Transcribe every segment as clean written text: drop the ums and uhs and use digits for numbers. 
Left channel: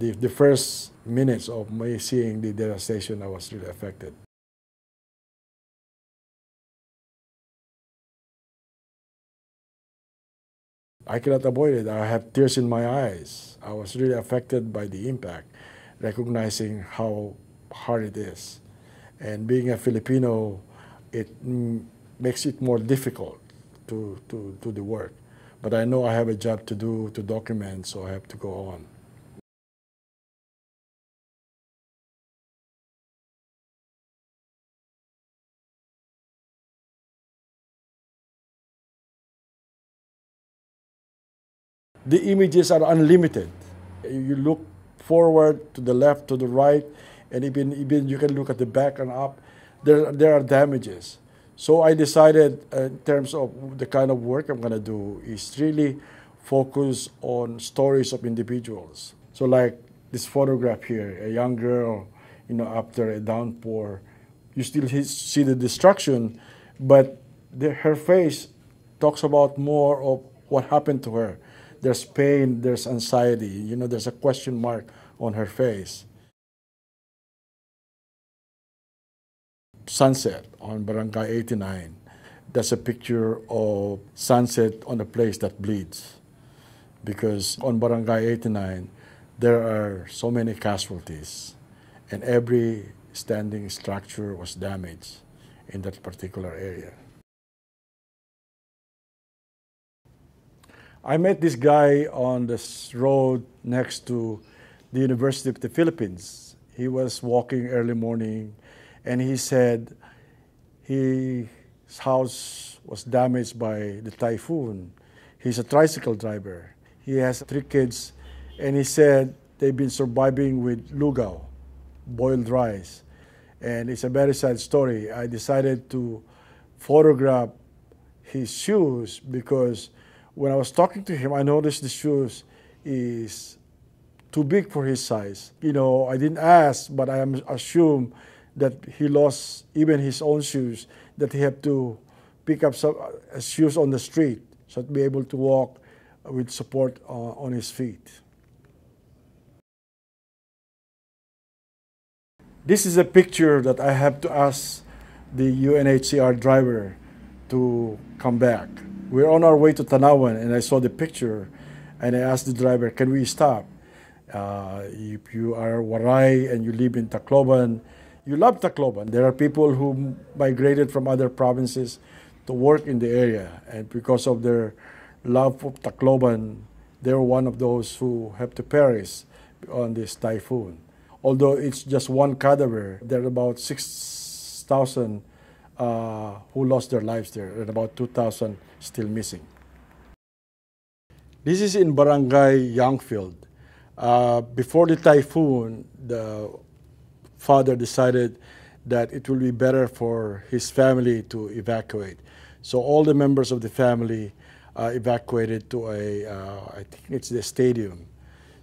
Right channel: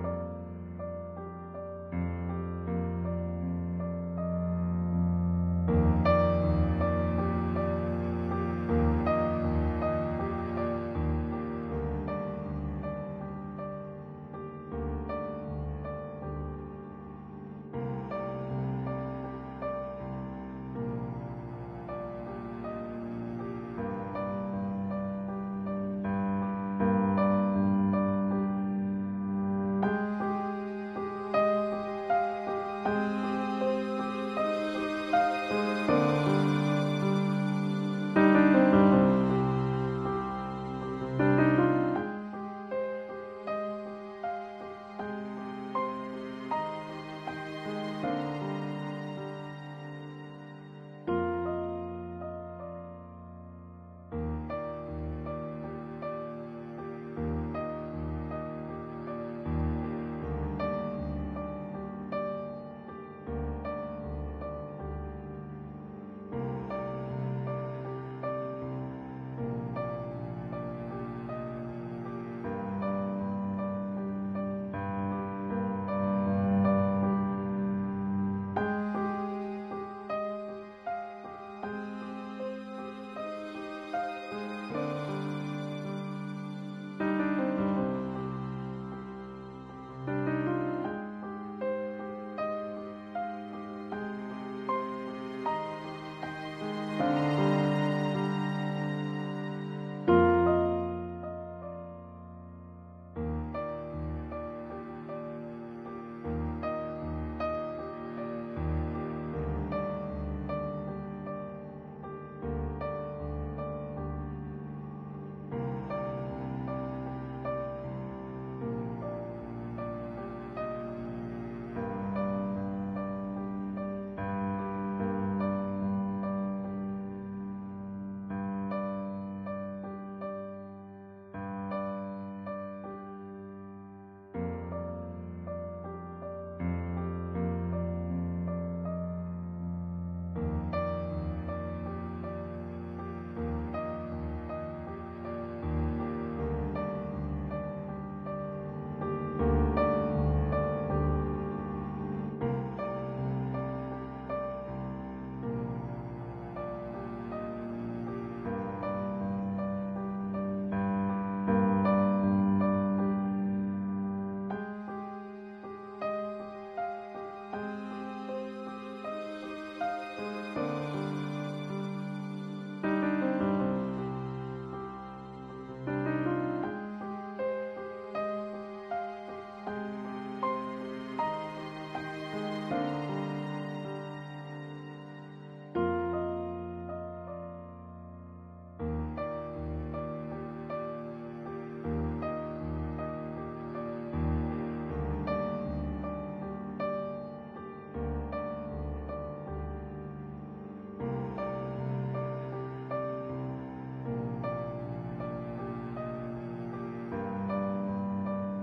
The first minutes of me seeing the devastation, I was really affected. I cannot avoid it. I have tears in my eyes. I was really affected by the impact, recognizing how hard it is. And being a Filipino, it makes it more difficult to do the work. But I know I have a job to do, to document, so I have to go on. The images are unlimited. You look forward, to the left, to the right, and even you can look at the back and up. There are damages. So I decided in terms of the kind of work I'm going to do is really focus on stories of individuals. So like this photograph here, a young girl, after a downpour, you still see the destruction, but her face talks about more of what happened to her. There's pain, there's anxiety, there's a question mark on her face. Sunset on Barangay 89. That's a picture of sunset on a place that bleeds. Because on Barangay 89, there are so many casualties, and every standing structure was damaged in that particular area. I met this guy on this road next to the University of the Philippines. He was walking early morning, and he said his house was damaged by the typhoon. He's a tricycle driver. He has 3 kids, and he said they've been surviving with lugaw, boiled rice. And it's a very sad story. I decided to photograph his shoes because when I was talking to him, I noticed the shoes is too big for his size. I didn't ask, but I assume that he lost even his own shoes, that he had to pick up some shoes on the street so to be able to walk with support on his feet. This is a picture that I have to ask the UNHCR driver to come back. We're on our way to Tanawan, and I saw the picture, and I asked the driver, can we stop? If you are Waray and you live in Tacloban, you love Tacloban. There are people who migrated from other provinces to work in the area, and because of their love for Tacloban, they're one of those who have to perish on this typhoon. Although it's just one cadaver, there are about 6,000 who lost their lives there, and about 2,000 still missing. This is in Barangay Youngfield. Before the typhoon, the father decided that it will be better for his family to evacuate. So all the members of the family evacuated to I think it's the stadium.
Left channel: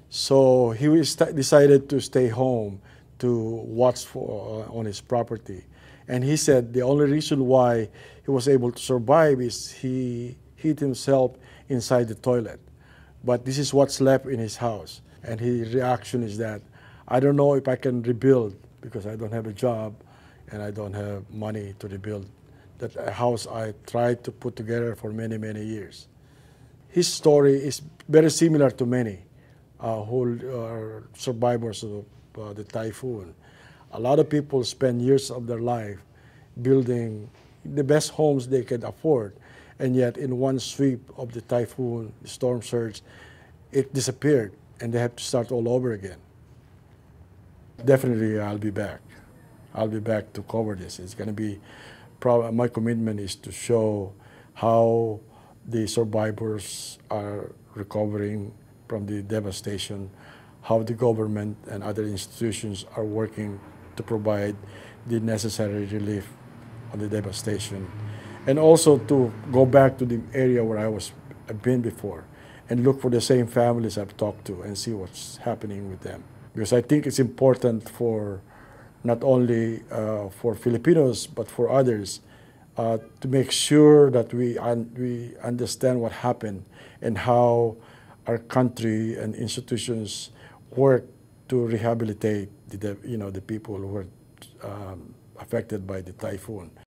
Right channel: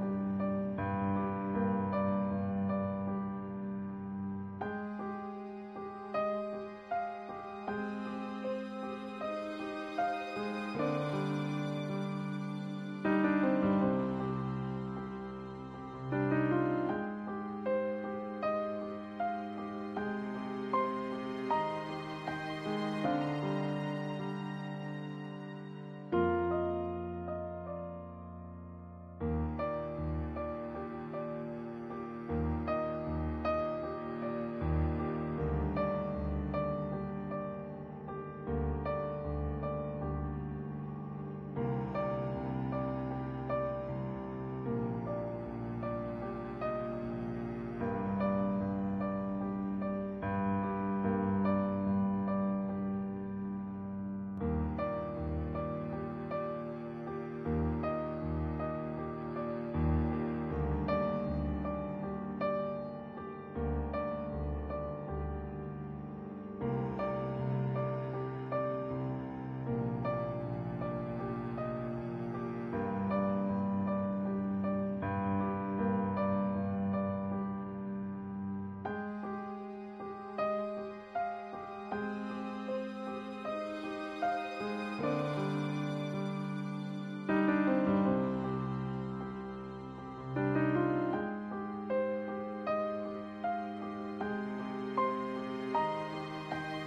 So he decided to stay home to watch on his property. And he said the only reason why he was able to survive is he hid himself inside the toilet. But this is what's left in his house. And his reaction is that, I don't know if I can rebuild because I don't have a job and I don't have money to rebuild that house I tried to put together for many, many years. His story is very similar to many who are survivors of the typhoon. A lot of people spend years of their life building the best homes they could afford, and yet in one sweep of the typhoon storm surge, it disappeared and they have to start all over again. Definitely I'll be back. I'll be back to cover this. It's going to be, my commitment is to show how the survivors are recovering from the devastation, how the government and other institutions are working to provide the necessary relief on the devastation, and also to go back to the area where I've been before and look for the same families I've talked to and see what's happening with them. Because I think it's important for not only for Filipinos but for others to make sure that we understand what happened and how our country and institutions work rehabilitate the people who were affected by the typhoon.